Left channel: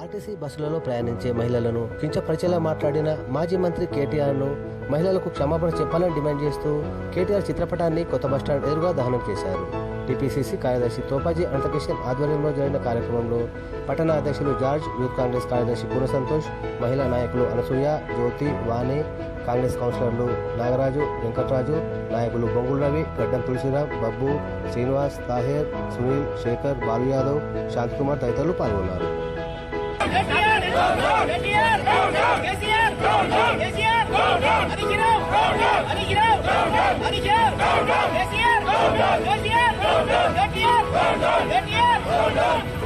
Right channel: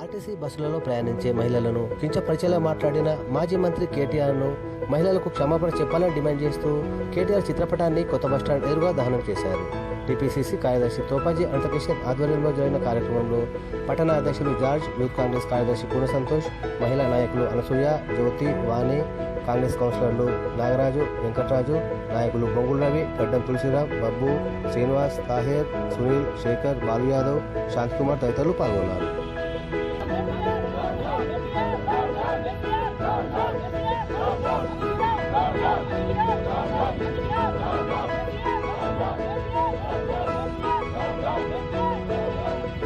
RTC బస్సులలో ప్రయాణించే మహిళలను కించపరిచేలా మాట్లాడిన మాజీ మంత్రి కేటీఆర్ను మహిళలకు క్షమాపణ చెప్పాలని డిమాండ్ చేస్తూ కేటీఆర్ చిత్రపటాన్ని కొత్త బస్టాండ్ ఎదురుగా దహనం చేశారు. టీపీసీసీ కార్యదర్శి తోపాజీ అనంతకిషన్ ఆధ్వర్యంలో జరిగిన కార్యక్రమంలో పట్టణ అధ్యక్షులు జార్జ్ యూత్ కాంగ్రెస్ కార్యదర్శి పూర్ణ సంతోష్ మహిళా నాయకులు అనసూయ జ్యోతి వాణి కాంగ్రెస్ కౌన్సిలర్లు నాగరాజు వెంకట్రాజు నాయకులు బొంగుల రవి గడ్డం తులసిరామ్ బబ్బు శ్రీనివాస్ తాహేర్ సునీల్ శేఖర్ బాలు యాదవ్ శాంతికుమార్ తదితరులు పాల్గొన్నారు. Down, down.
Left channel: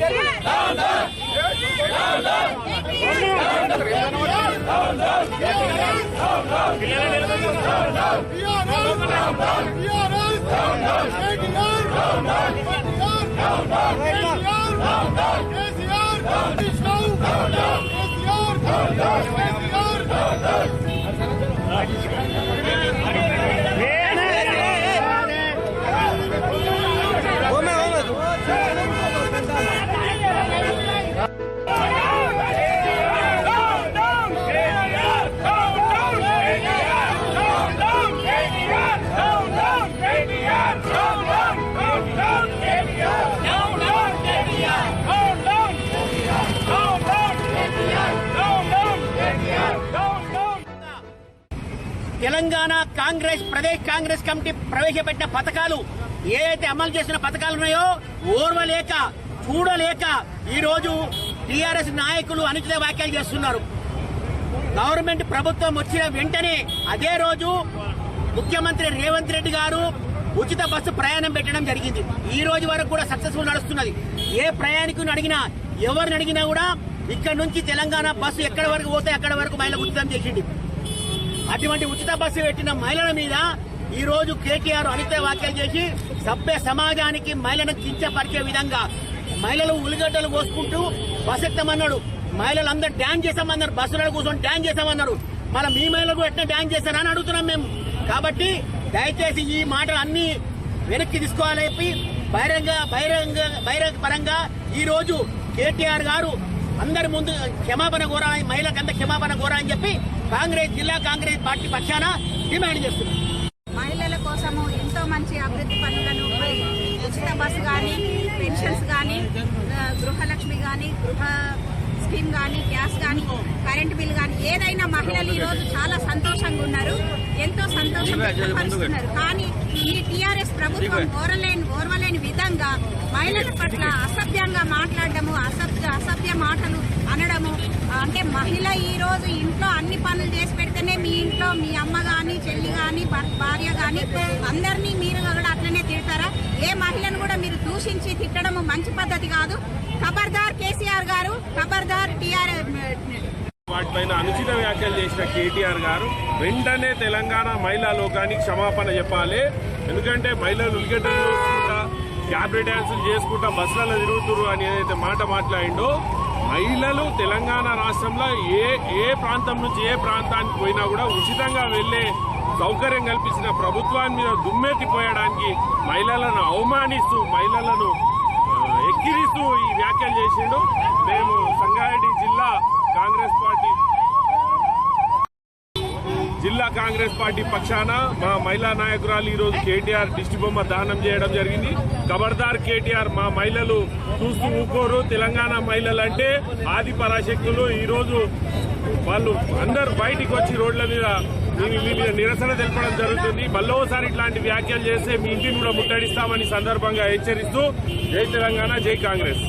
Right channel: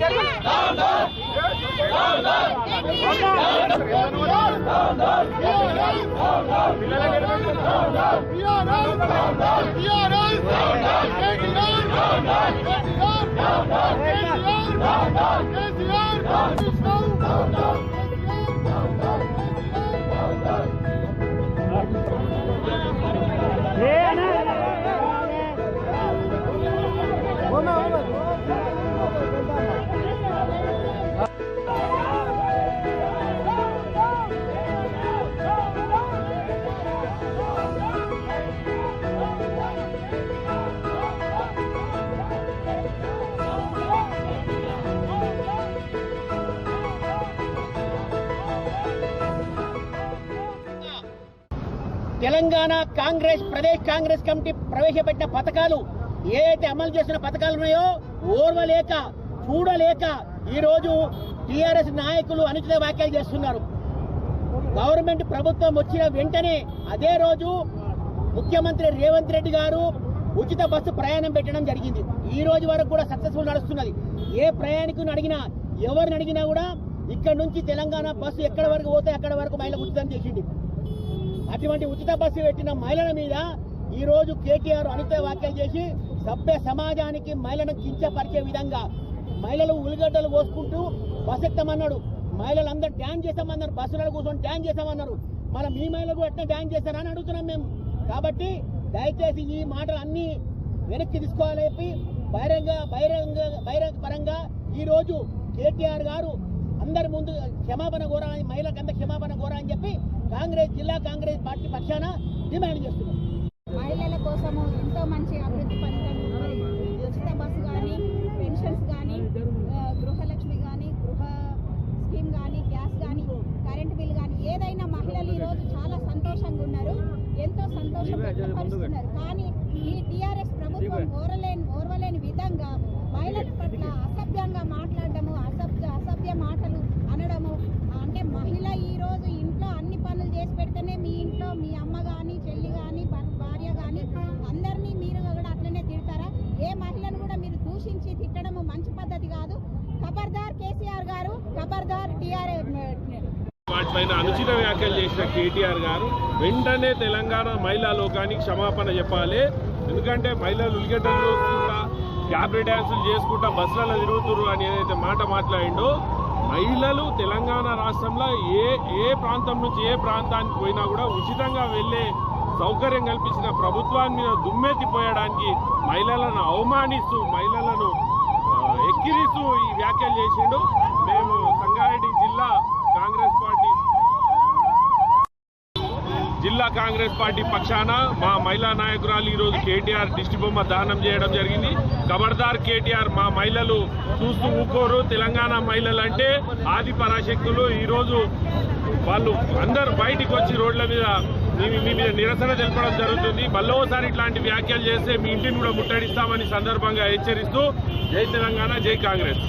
Come on, come on. Telangana Congress Pradesh Congress committee ప్రవేశపెట్టిన పథకాలు ఏదైతే అమలు చేసిన పథకాలు ఉన్నాయో ఓర్వలేక చూడలేక ఈరోజు టీఆర్ఎస్ నాయకులు అనుచిత వ్యాఖ్యలు చేస్తున్నారు. గవర్నమెంట్ ప్రభుత్వం వచ్చిన వెంటనే అదే రోజు ముఖ్యమంత్రి రేవంత్ రెడ్డి గారు ఉచిత బస్సు ప్రయాణం పెట్టడం జరిగింది. ఈ రోజు వరకు కూడా సక్సెస్ఫుల్ నడుస్తున్నది. ఏ ప్రయాణికుని అడిగినా ఎవరిని అడిగినా కూడా ఇక్కడ నుంచి తెలంగాణ బస్సు ఎక్కడ వరకు పోతే అక్కడ వరకు మహిళలకు ఉచితం చేసింది అటువంటి ఉచిత బస్సు పెట్టిన మహిళల మీద ఈ రోజు కేటీఆర్ అనిత వ్యాఖ్యలు చేసి సభ్య సమాజానికి మహిళను కించపరిచే విధంగా మహిళలు ఉల్లిగడ్డలు కోసుకుంటూ బస్ ఎక్కమన్నాడు మహిళలు అందరు డ్యాన్స్ చేసామన్నారు బస్సులలో కూర్చొని డ్యాన్స్ చేసామన్నారు మన మీ మహిళలకు ఎట్లా డ్యాన్స్ చేశారని అడుగుతున్నాం మేము. కాబట్టి దయచేసి ఈ మాటలు అన్ని వెనక్కి తీసుకోవాలని చెప్పి బహిరంగ బహిరంగ బహిరంగ పరంగా ఈ రోజు కేటీఆర్ గారు అందరి ముందు క్షమాపణ కోరా మహిళకంత క్షమాపణ కోరా అని చెప్పి కాంగ్రెస్ జిల్లా కాంగ్రెస్ పార్టీ పక్షాన డిమాండ్ చేస్తున్నారు. మహిళల కోసము ఎంతో మంచి అభివృద్ధి పనులను మరి ఉచిత బస్సు కానీ పెన్షన్స్ కానీ గృహలక్ష్మి కానీ గృహ స్కీమ్ కానీ గ్యాస్ కానీ కరెంట్ బిల్ కానీ ఏదైనా మహిళలు ఈరోజు చాలా సంతోషంగా ఉన్నారు ఎంతో సంతోషం వ్యక్తపరుస్తున్నారు. కానీ ఈ టీఆర్ఎస్ ప్రభుత్వం ఓరలేని ఓర్వలేని విధంగా మహిళల పట్ల అసభ్యంగా మాట్లాడడము అసభ్య అసభ్య మాటలు అనడము అంటే మహిళ ఈ రోజు ఇంట్లో అన్ని పనులు చేసి పెడితేనే మీ ఇంట్లో మీ అమ్మ కానీ చెల్లి కానీ భార్య కానీ అందరినీ మీరు కూడా అట్లనే తిడతారా? ఏ మహిళను కూడా మీరు దూషించి తిట్టడం మంచి పద్ధతి కాదు. ఖబర్దార్ కేసీఆర్ గారు ఖబర్దార్ టీఆర్ వాటిపైన అనుచిత వ్యాఖ్యలు చేసిన కేటీఆర్ గారు వెంటనే తెలంగాణ మహిళా లోకానికి క్షమాపణ చెప్పాలి. ఎందుకంటే మహిళలు ఉల్లిగడ్డలు చేసుకుంటా డ్యాన్సులు చేసుకుంటా బస్సులలో తిరుగుతురు అని ఏదైతే మాట మాట్లాడిండో మహిళలు తెలంగాణ రాష్ట్రంలో ఏ ఏ ప్రాంతం నుంచి ఏ ప్రాంతానికి పోయినా కూడా ఉచితంగా వెళ్ళే సౌకర్యం కల్పించిన ప్రభుత్వాన్ని మీద దుమ్మెత్తిపోయడానికి మహిళలను అవమానిస్తూ మహిళలను ఎక్కిరిస్తూ ఈ వ్యాఖ్యలు చేసిండు. మేము సంగారెడ్డి జిల్లా కాంగ్రెస్ పార్టీ జిల్లా కాంగ్రెస్ పార్టీ పక్షాన మా మహిళా నాయకురాలు ఈరోజు కేటీఆర్ దిష్టి బొమ్మ దానం చేయడం జరిగింది. కబర్దార్ కేటీఆర్ మా మహిళలు చూస్తూ ఊకోరు. తెలంగాణ మహిళలు అంటే ఆది పరాశక్తులు. ఈరోజు వాళ్ళు అందరూ బయటికి వచ్చి రోడ్ల మీద మీ మీద నిరసన తెలపడం జరుగుతుంది. మళ్ళోసారి ఇట్లాంటి వ్యాఖ్యలు చేస్తే మీ ఇంటిని కూడా ముట్టడిస్తామని సందర్భంగా హెచ్చరిస్తూ జై తెలంగాణ జై కాంగ్రెస్.